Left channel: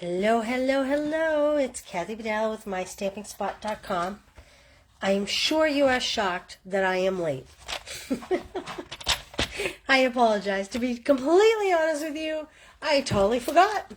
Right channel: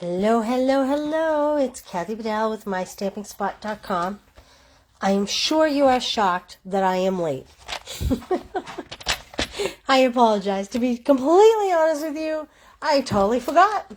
Hello, hello, hello. It's Kathy Bedell with MyStampingSpot.com. I am sure you are shocked that I am late. I apologize. To be completely honest with you, I totally forgot.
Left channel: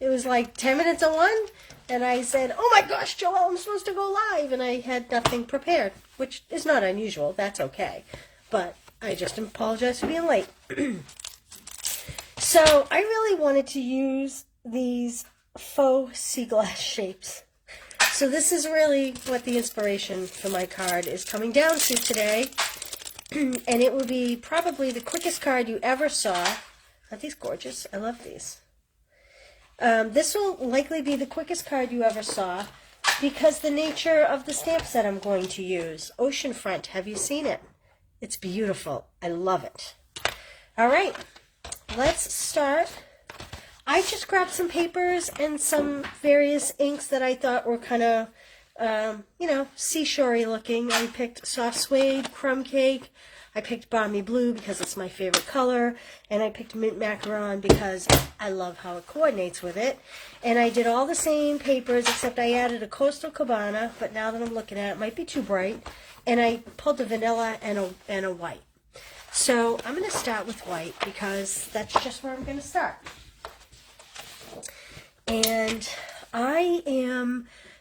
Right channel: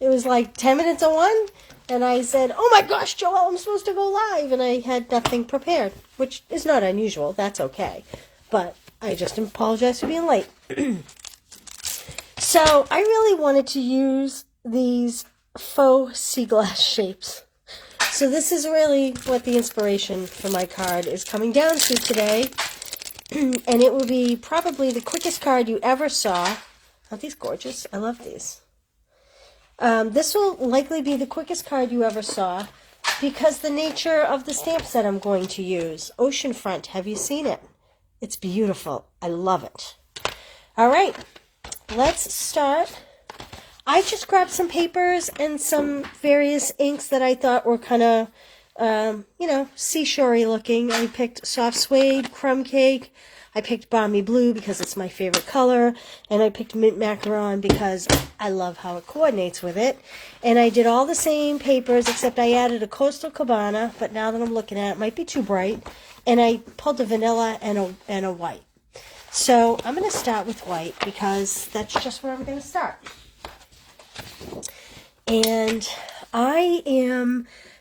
It was like 10 minutes of 1, and I said, oh my gosh, Joelle, I'm supposed to go live, and I had nothing prepared, which is not unusual. That's okay. But I just apologize for being late. So I really wanted to use these faux sea glass shapes. So this is really what the inspiration for my card is coming down to today. And it will be probably the quickest card you ever saw. Aren't these gorgeous? I love these. This will likely be the quickest card you ever saw because the nature of the stamp set I'm going to use. Oceanfront, have you seen it? It's beautiful. I love it. All right, let's start. I just grabbed some papers and some various inks that I thought were kind of, seashore-y looking. I picked soft suede, crumb cake. I picked balmy blue because it's my favorite color. And I picked mint macaron because I love how it coordinates with it. And I did all the same papers except I added a Coastal Cabana. But now that I'm looking at it, it might be too bright. And I pulled a vanilla and a white. So I'm going to start with white because that's just where I'm going to start. And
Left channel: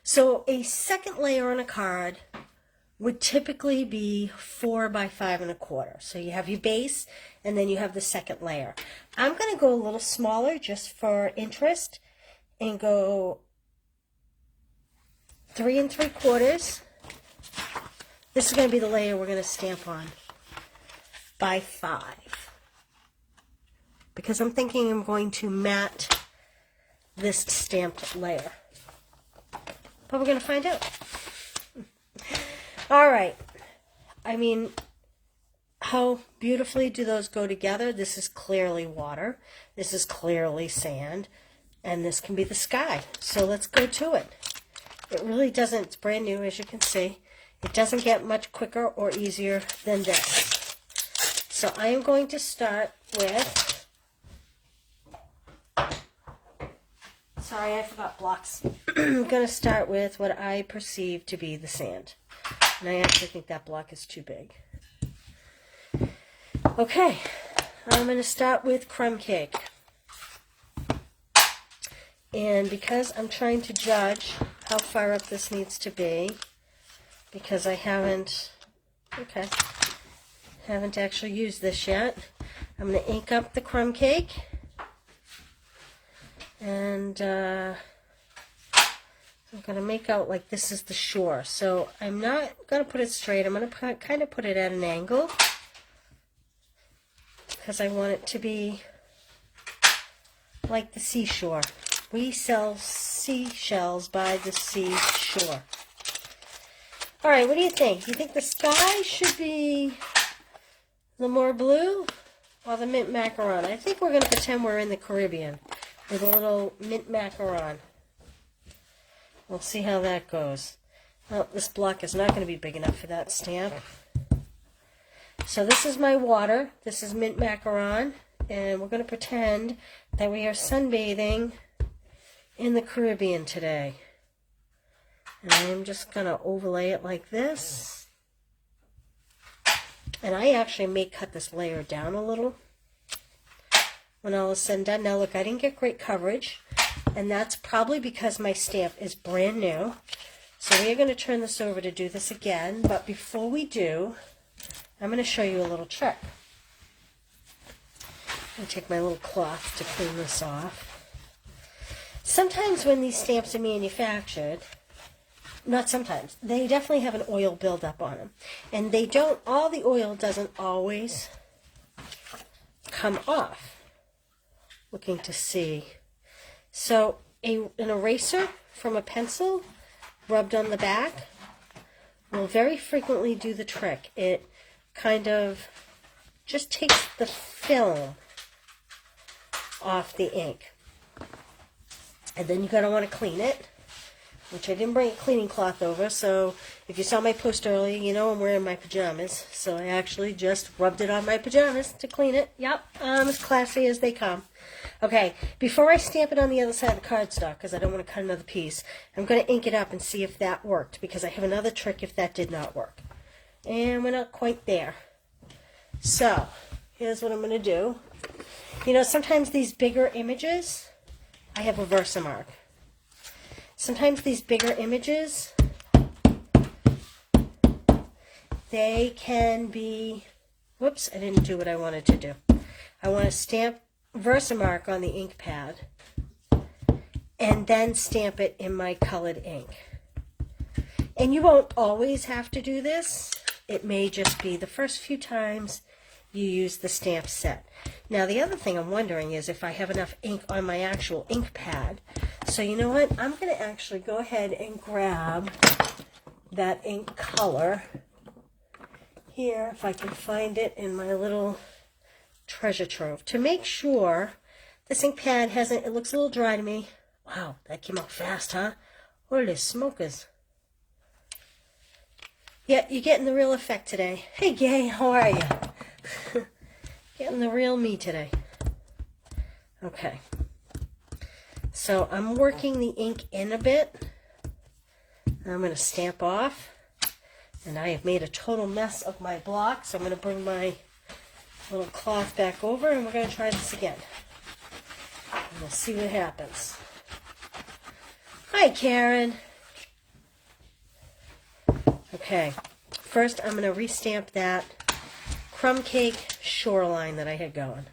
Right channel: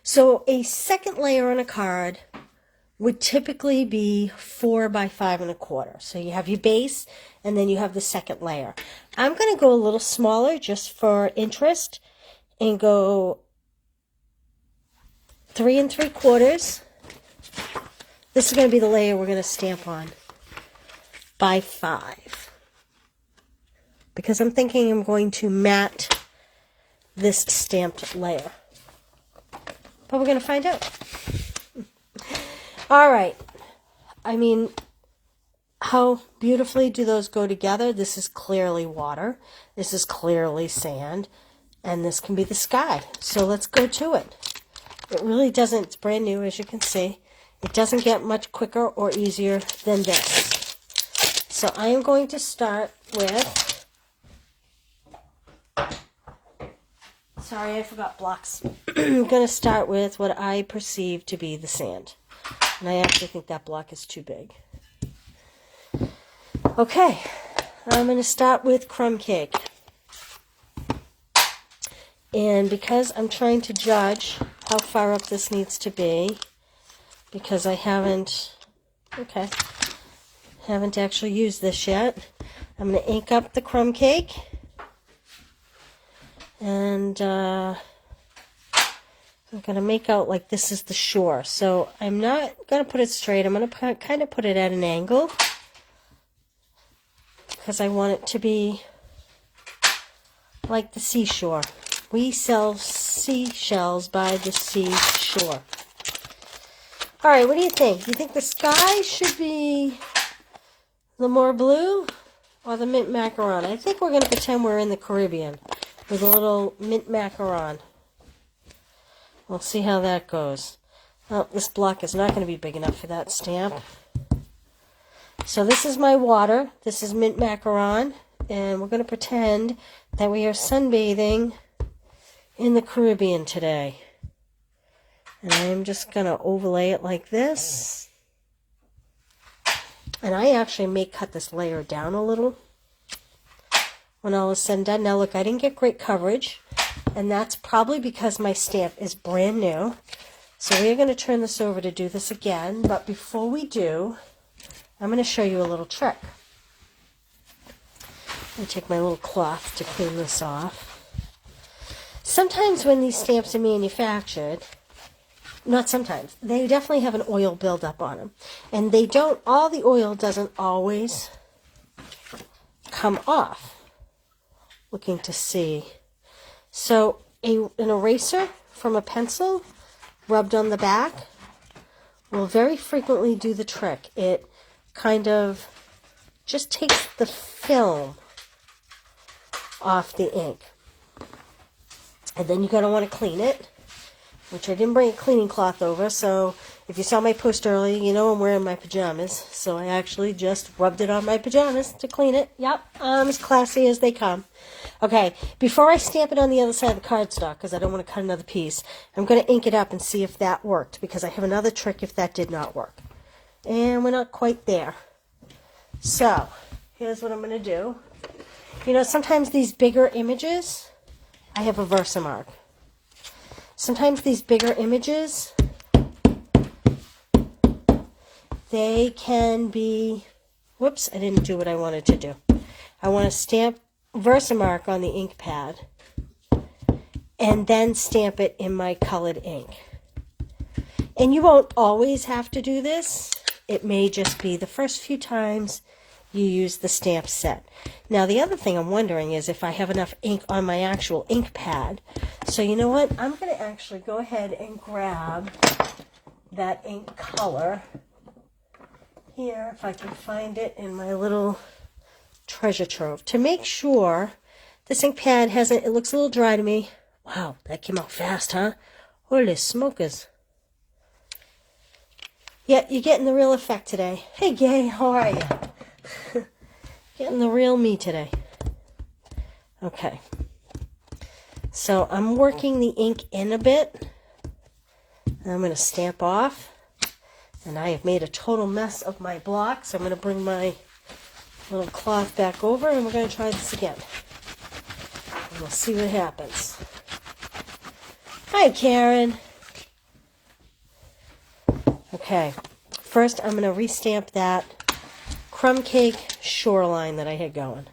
so a second layer on a card would typically be 4 by 5 1/4. So you have your base and then you have the second layer. I'm going to go a little smaller just for interest and go 3 3/4. This is going to be the layer we're going to stamp on by 5. Because I'm thinking I'm going to matte this stamped layer. But we're going to find out. All right. I mean, how beautifully do those go together? This is clearly water. This is clearly sand. And this can be the sky. So let's go to it. It really doesn't, it's brand new as you can see. It doesn't get much quicker or easier than this. So I am going to start with, sorry, I forgot blocks. I'm going to start with what I perceive to be the sand. And I actually think that block is too big. Okay, I'm going to start with crumb cake. And because I'm trying to judge how far up this needs to be, because I haven't actually used this yet, I'm going to ink up the crumb cake. And I'm going to make out like this is the shore. So I'm not going to put it straight. I'm going to kind of put it at an angle because I want it to be like the seashore. We sell seashells by the seashore. All right, what do you think? Do you think the sky should be the more blue or the mint macaron? I think we're going to pretend we're in the Caribbean with a little mint macaron. We'll see how that goes. Oh, this block is not going to be big enough for that stamp. So this is my water. This is mint macaron. And we're going to pretend that we are sunbathing in the Caribbean today. And I am just going to overlay it like this. And I actually may cut this layer down a little when all is said and done. Now look, I didn't get great coverage, and that's probably because my stamp is brand new. So we're going to turn this over to do this again, but before we do, I'm going to show you a little trick. I'm going to take my little cloth to clean this off. Sometimes when these stamps are manufactured, not sometimes, they definitely have an oil buildup on them. And they don't, all the oil doesn't always come off. Looking to see. So an eraser from a pencil rubbed on the back will very frequently do the trick. It kind of just takes the film off the ink. And then you're going to want to clean it. which I didn't bring a cleaning cloth over, so if you saw my post earlier, you know I'm wearing my pajamas. So I actually just rubbed it on my pajamas to clean it. Yep, I'm as classy as they come. Okay, before I stamp it on the other side of the cardstock, because I don't want to cut another piece, I'm going to ink it up and see if that worked, because I have another trick if that did not work. And we're not quite there. So, here's what I'm going to do. You know, sometimes these bigger images, I have a Versamark. Sometimes these bigger images, they can be, whoops, I didn't do what I wanted to do. I want to stamp Versamark on the ink pad and then stamp it in my colored ink. And you won't always have to do this. It may just be the first few times you use the stamp set. Now the other thing I'm wondering is if I have enough ink on my actual ink pad. So you know what? I'm going to actually go ahead and grab that ink color here, if I can find it in my little treasure trove, to make sure this ink pad hasn't, it looks a little dry to me. Wow, that came out fast, huh? Holy smokers. Yeah, you're getting the real effect today. Hey, Gay, how are you? Getting the real me today. Okay. So I'm working the ink in a bit. I'm going to stamp off. And I have made a total mess of my block. So I'm going to bring my little cloth back over and we're going to try this again. And we'll see what happens. Hi, Karen. Okay. First, I'm going to restamp that crumb cake shoreline that I had going.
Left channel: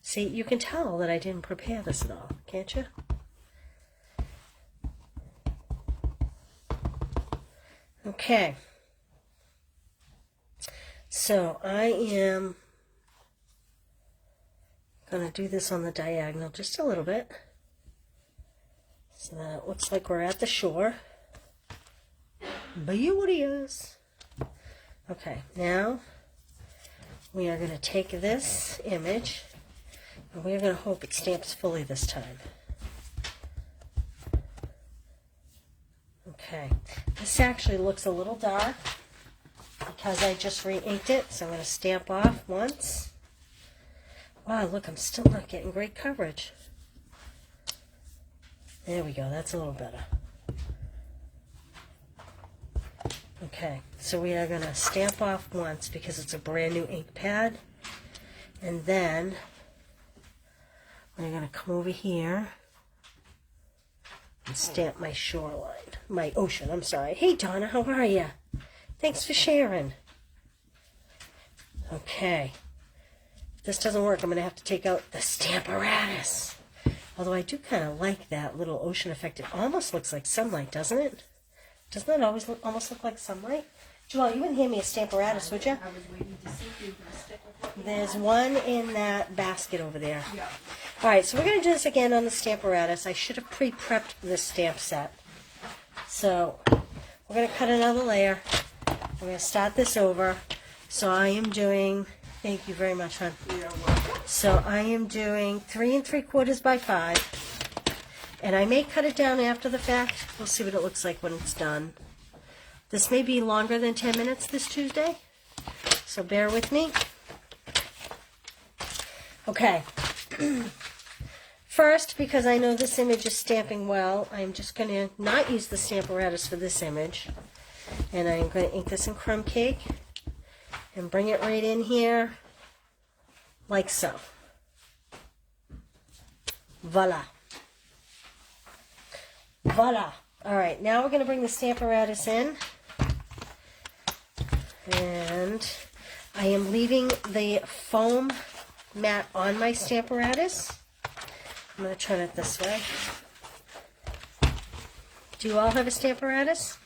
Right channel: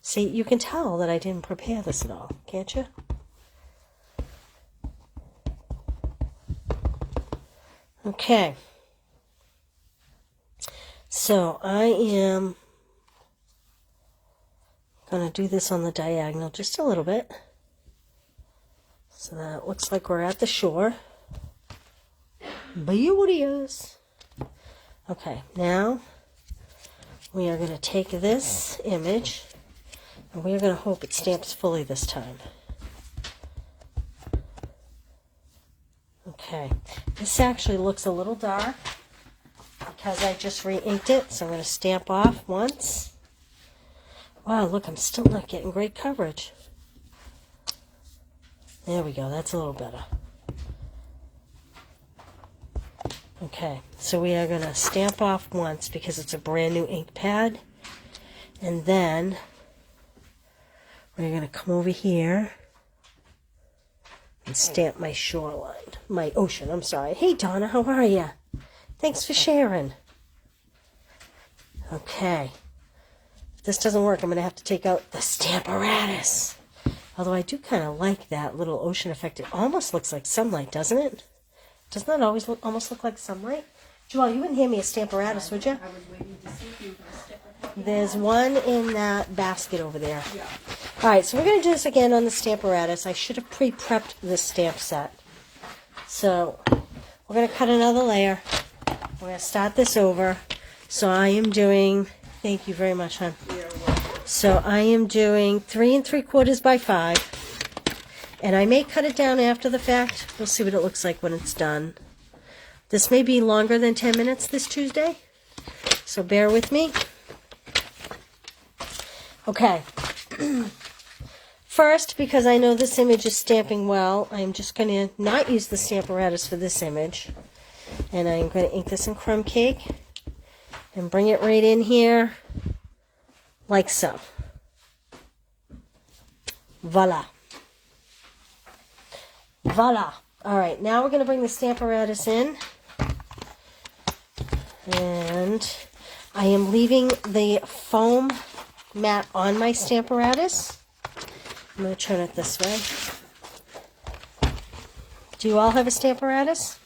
See, you can tell that I didn't prepare this at all, can't you? Okay. So I am going to do this on the diagonal just a little bit. So that it looks like we're at the shore. Beauteous. Okay, now we are going to take this image and we are going to hope it stamps fully this time. Okay, this actually looks a little dark because I just re-inked it, so I'm going to stamp off once. Wow, look, I'm still not getting great coverage. There we go, that's a little better. Okay, so we are going to stamp off once because it's a brand new ink pad. And then we're going to come over here and stamp my shoreline. My ocean, I'm sorry. Hey, Donna, how are you? Thanks for sharing. Okay. If this doesn't work, I'm going to have to take out the Stamparatus. Although I do kind of like that little ocean effect. It almost looks like sunlight, doesn't it? Doesn't that always almost look like sunlight? Joelle, you wouldn't hand me a Stamparatus, would you? I was waiting to see if you were going to stick with it. There's one in that basket over there. Yeah. All right, so we're going to do this again on the Stamparatus. I should have pre-prepped the stamp set. So we're going to cut another layer. We're going to start this over. So I am doing, thank you very much, hon. So I am doing 3 3/4 by 5. And I may cut it down after the fact. We'll see what it looks like when it's done. This may be longer than 10 minutes this Tuesday, so bear with me. Okay. First, because I know this image is stamping well, I'm just going to not use the Stamparatus for this image. And I'm going to ink this in crumb cake and bring it right in here like so. Voila. Voila. Alright, now we're going to bring the Stamparatus in. And I am leaving the foam mat on my Stamparatus. I'm going to turn it this way. Do you all have a Stamparatus?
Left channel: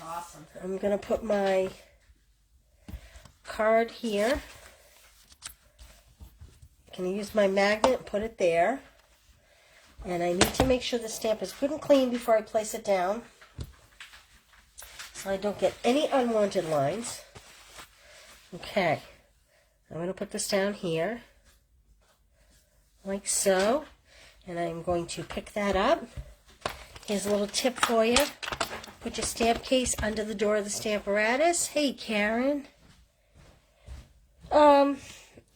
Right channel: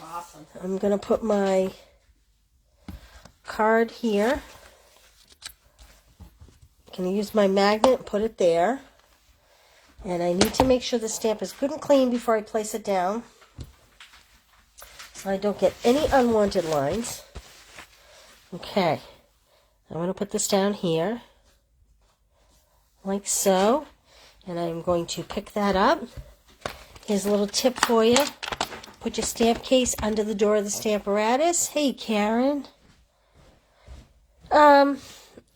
Awesome. I'm going to put my card here. I'm going to use my magnet, put it there. And I need to make sure the stamp is good and clean before I place it down, so I don't get any unwanted lines. Okay, I'm going to put this down here, like so, and I'm going to pick that up, Here's a little tip for you. Put your stamp case under the door of the Stamparatus. Hey, Karen. You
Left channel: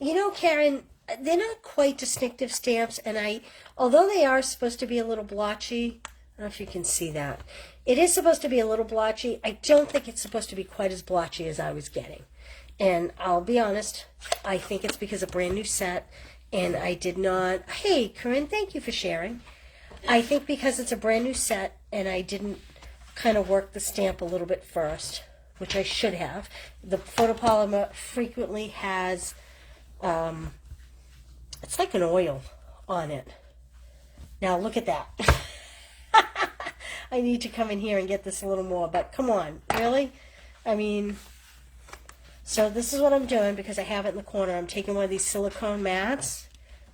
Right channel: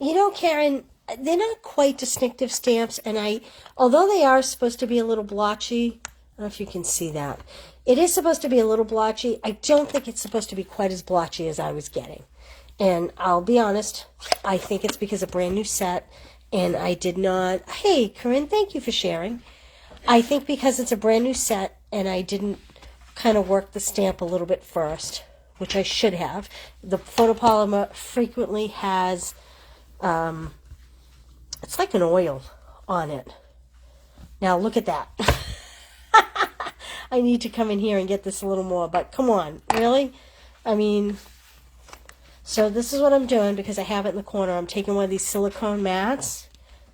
know, Karen, they're not quite distinctive stamps, and although they are supposed to be a little blotchy, I don't know if you can see that. It is supposed to be a little blotchy. I don't think it's supposed to be quite as blotchy as I was getting. And I'll be honest, I think it's because of a brand new set, and I did not... Hey, Corinne, thank you for sharing. I think because it's a brand new set, and I didn't kind of work the stamp a little bit first, which I should have. The photopolymer frequently has, it's like an oil on it. Now look at that. I need to come in here and get this a little more, but come on, really? I mean, so this is what I'm doing because I have it in the corner. I'm taking one of these silicone mats.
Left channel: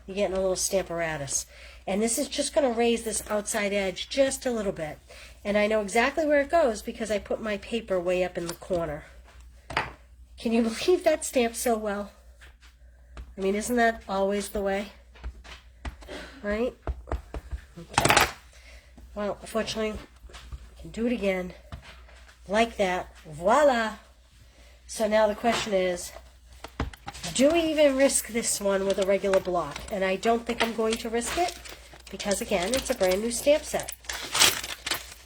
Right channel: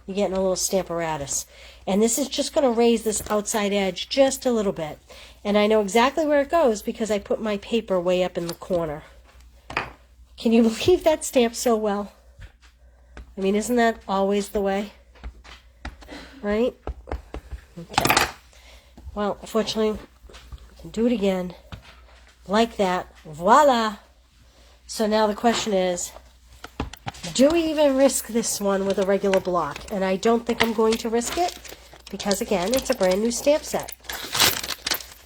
You're getting a little Stamparatus. And this is just going to raise this outside edge just a little bit. And I know exactly where it goes because I put my paper way up in the corner. Can you believe that stamped so well? I mean, isn't that always the way? Right? Okay. Well, unfortunately, I can do it again. Like that. Voila! So now the question is, do we even risk this one with a regular block? And I don't think I'm going to risk it because, again, it's a brand new stamp set.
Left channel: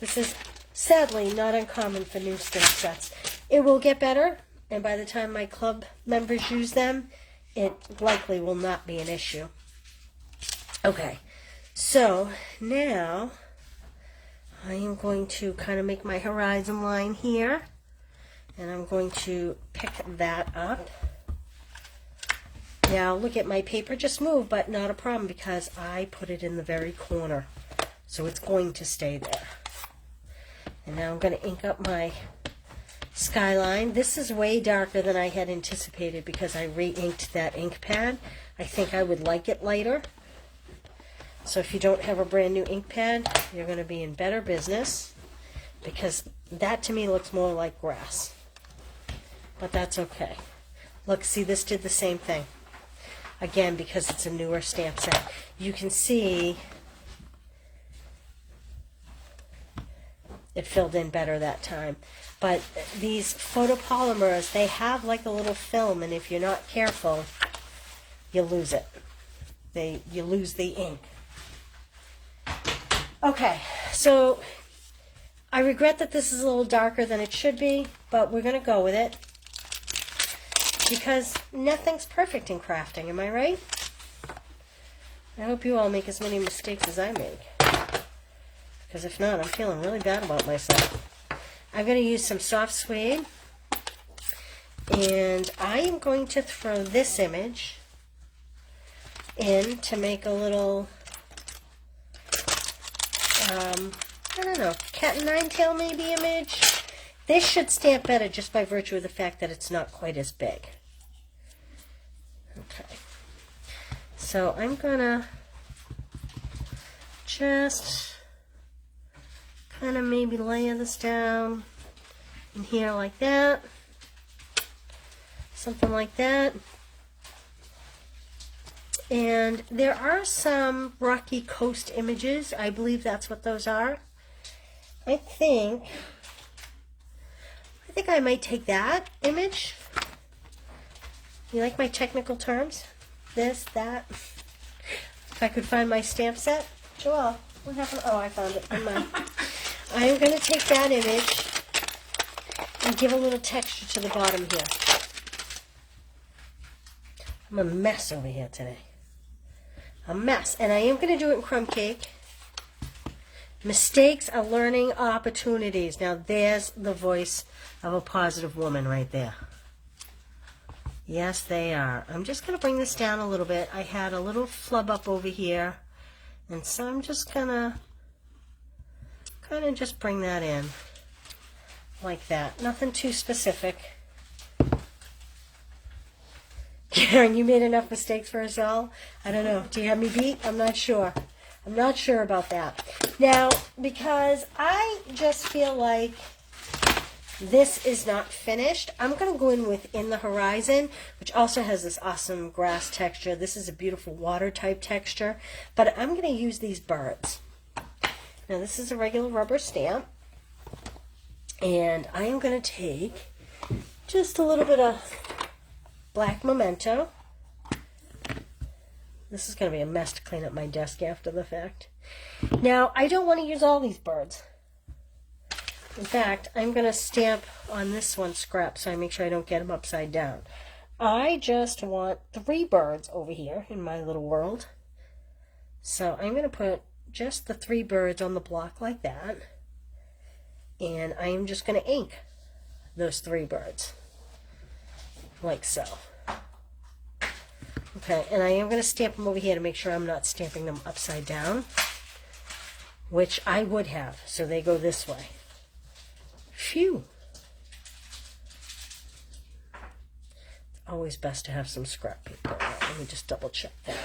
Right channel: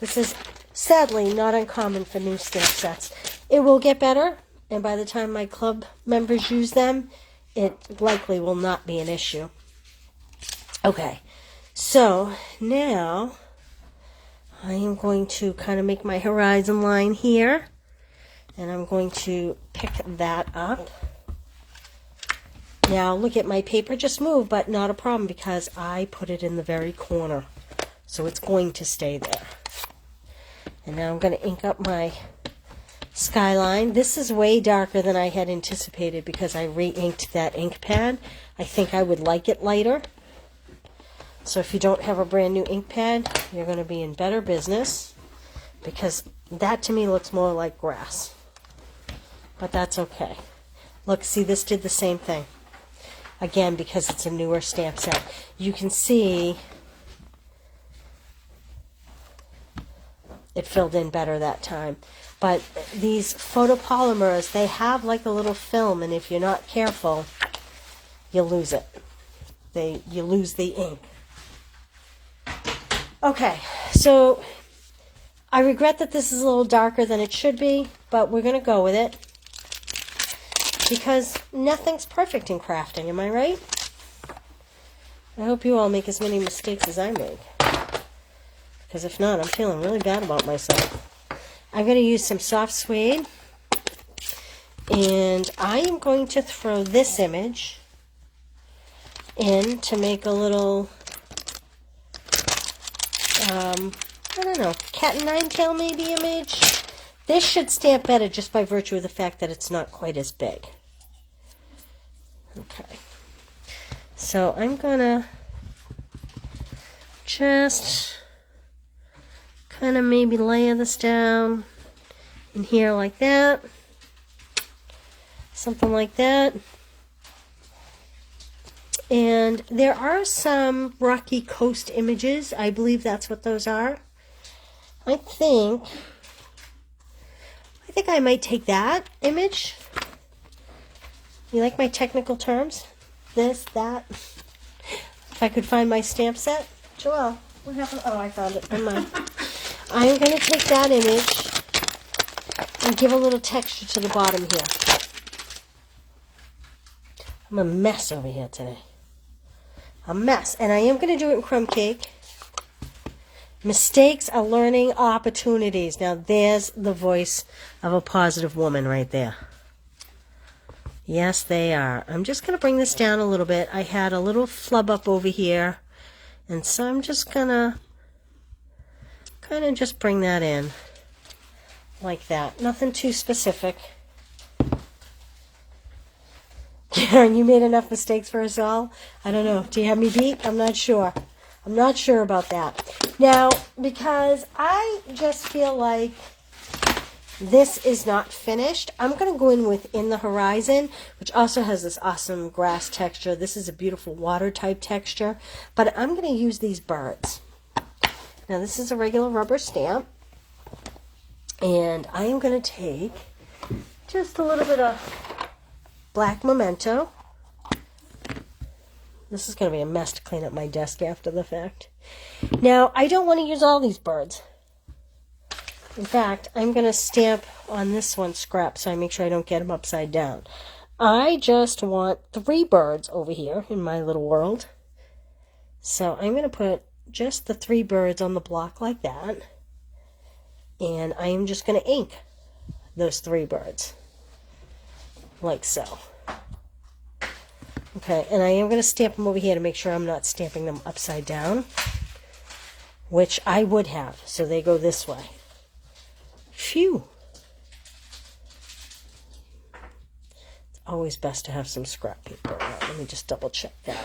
This is sadly not uncommon for new stamp sets. It will get better, and by the time my club members use them, it likely will not be an issue. Okay, so now I am going to kind of make my horizon line here, and I'm going to pick that up. Now look at my paper just moved, but not a problem because I put it in the very corner, so it's going to stay there. And now I'm going to ink up my skyline. This is way darker than I had anticipated because I re-inked that ink pad. I think I would like it lighter. So if you don't have a brand new ink pad, you're going to be in better business because that to me looks more like grass. But that's okay. Look, see, this did the same thing. Again, because it's a newer stamp set. You can see it filled in better that time. But these photopolymers, they have like a little film, and if you're not careful, you lose it. You lose the ink. Okay, so I regret that this is a little darker than it should be, but we're going to go with it. Because nothing's perfect in crafting, am I right? I hope you all make as many mistakes as I make. Because if not, I'm feeling really bad about myself. I'm going to use some soft suede. And I am going to throw this image in to make a little, I don't know, cat and nine tail maybe image. This should stamp better just by virtue of the fact that it's not quite as big. Okay. So I'm going to just kind of maybe layer this down in here like that. Something like that. And there are some rocky coast images. I believe that's what those are. I think I might take that image. You like my technical terms? This, that. If I could find my stamp set. Joelle, what happened? Oh, I found it. Never mind. I'm going to take that image and give a little texture to the bottom here. I'm a mess over here today. A mess. And I am going to do it in crumb cake. Mistakes are learning opportunities. Now, there's the voice of a positive woman right there. Yes, they are. I'm just going to bring this down a little bit. I had a little flub up over here. And so I'm just going to kind of just bring that in. Like that. Nothing too specific. Karen, you made enough mistakes for us all? I don't know. Do you have me beat? I'm not sure. I'm not sure about that. Now, because I just feel like this is not finished, I'm going to go in with In the Horizon, which also has this awesome grass texture. This is a beautiful water type texture, but I'm going to use these birds. Now this is a regular rubber stamp. And I am going to take just a little bit of black memento. This is going to be a mess to clean up my desk after the fact. Now, I don't want to use all these birds. In fact, I'm going to stamp on this one scrap so I make sure I don't get them upside down. I just want 3 birds over here in my little world. So I'm going to put just the 3 birds on the block like that. And I am just going to ink those 3 birds. Like so. Okay, and I am going to stamp them over here to make sure I'm not stamping them upside down, which I would have, so they go this way. Phew! It's always best to have some scrap paper. Right, let me just double check that.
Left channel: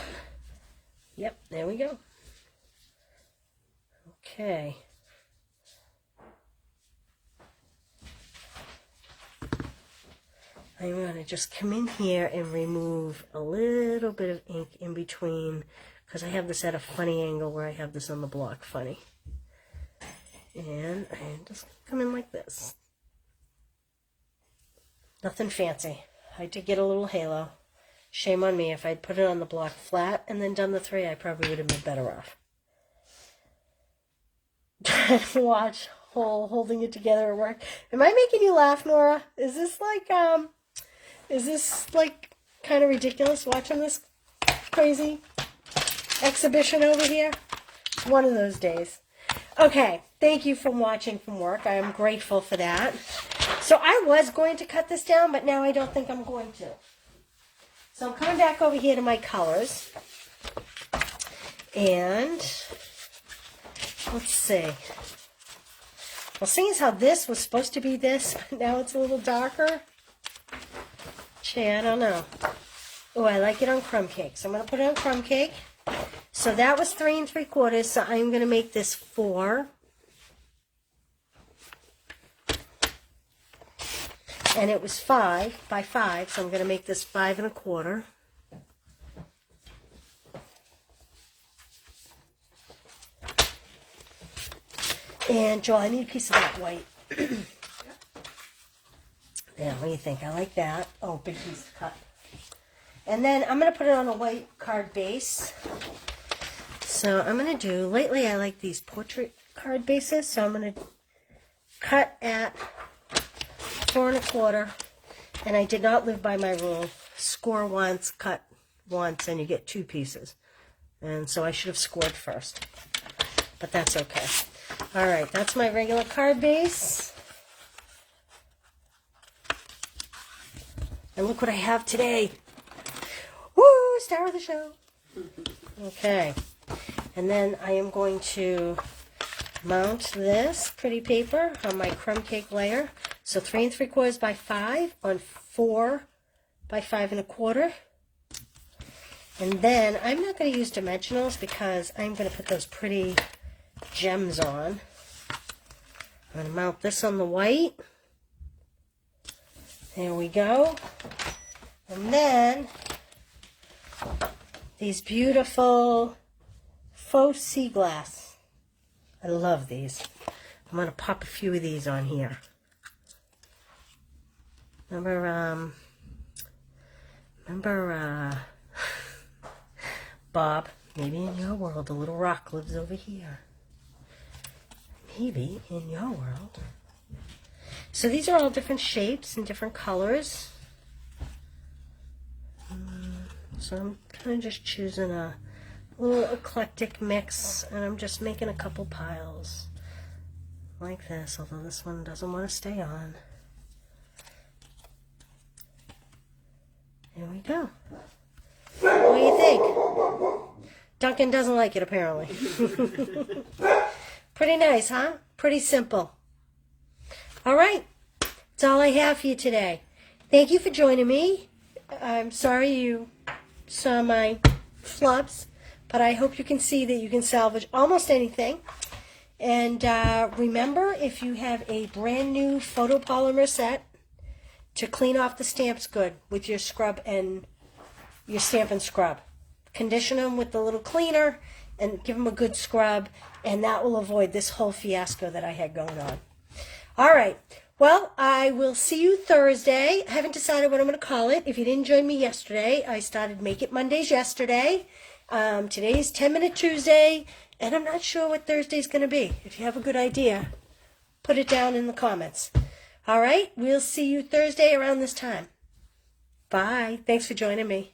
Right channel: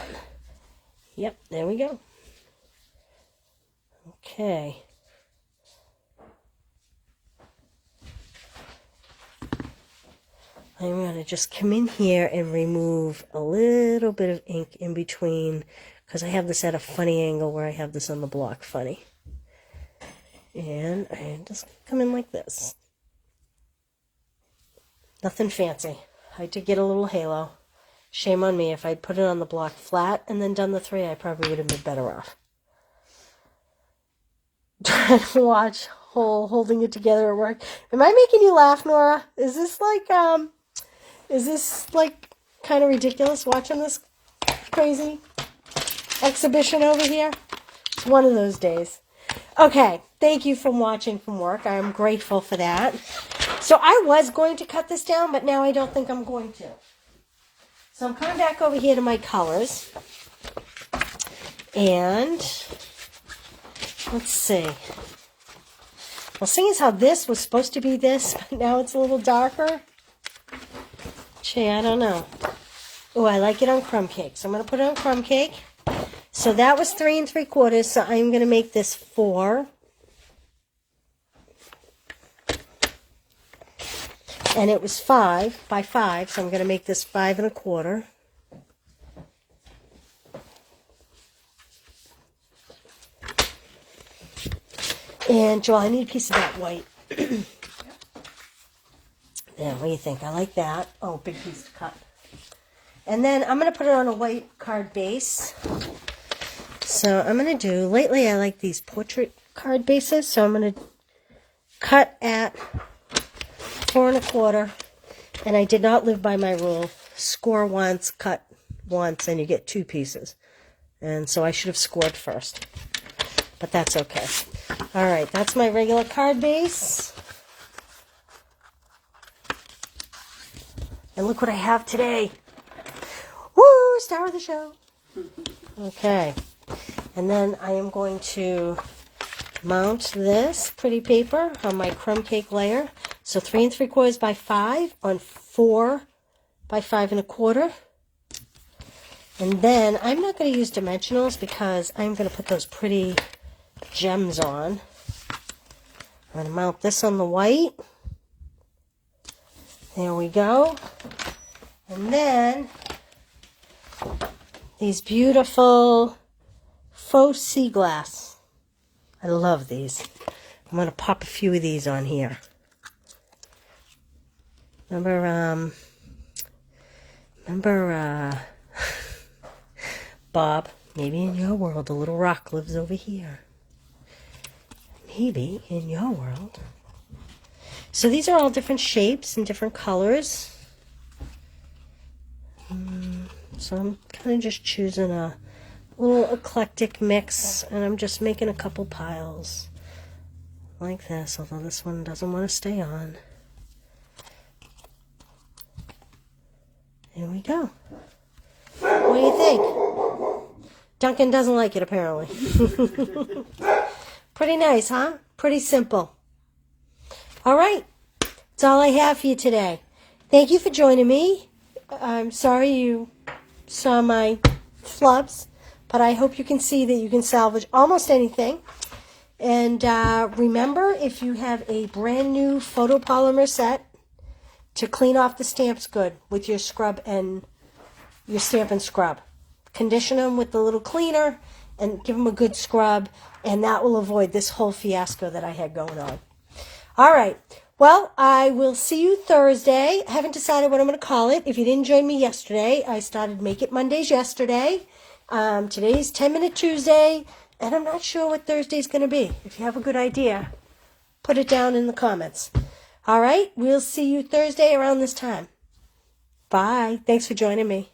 Yep, there we go. Okay. I'm going to just come in here and remove a little bit of ink in between because I have this at a funny angle where I have this on the block funny. And I just come in like this. Nothing fancy. I did get a little halo. Shame on me. If I'd put it on the block flat and then done the 3, I probably would have been better off. Trying to watch holding it together at work. Am I making you laugh, Nora? Is this like kind of ridiculous watching this crazy exhibition over here? It's one of those days. Okay, thank you for watching from work. I am grateful for that. So I was going to cut this down, but now I don't think I'm going to. So I'm coming back over here to my colors. And let's see. Well, seeing as how this was supposed to be this, but now it's a little darker. Gee, I don't know. Oh, I like it on crumb cake. So I'm going to put it on crumb cake. So that was 3 3/4. So I'm going to make this 4. And it was 5 by 5. So I'm going to make this 5 1/4. And Joel, I need a piece of that white. Yeah, what do you think? I like that. Oh, big piece to cut. And then I'm going to put it on a white card base. So I'm going to do, lately I like these portrait card bases. So I'm going to cut at 4 1/4. And I did not live by my rule. Score once, cut once, and you get 2 pieces. And so I should have scored first. But that's okay. All right, that's my regular card base. And look what I have today. Woo, star of the show. Okay. And then I am going to mount this pretty paper on my crumb cake layer. So 3 3/4 by 5 on 4 by 5 1/4. And then I'm not going to use dimensionals because I'm going to put those pretty gems on. I'm going to mount this on the white. There we go. And then these beautiful faux sea glass. I love these. I'm going to pop a few of these on here. Remember Bob, maybe in your world a little rock lives over here. Maybe in your world. So these are all different shapes and different colors. So I'm kind of just choosing a little eclectic mix, and I'm just making a couple piles like this, although this one doesn't want to stay on. There we go. What do you think? Duncan doesn't like it, apparently. Pretty nice, huh? Pretty simple. All right. That's all I have for you today. Thank you for joining me. I'm sorry you saw my flubs, but I hope you can see that you can salvage almost anything. And remember, if you have a brand new photopolymer set, to clean off the stamps good with your scrub and your Stampin' Scrub. Condition them with the little cleaner and give them a good scrub, and that will avoid this whole fiasco that I had going on. All right. Well, I will see you Thursday. I haven't decided what I'm going to call it. If you didn't join me yesterday, I started Make It Mondays yesterday. Today's 10-Minute Tuesday, and I'm not sure what Thursday's going to be. If you have a good idea, put it down in the comments. All right? We'll see you Thursday around this time. Bye. Thanks for joining me.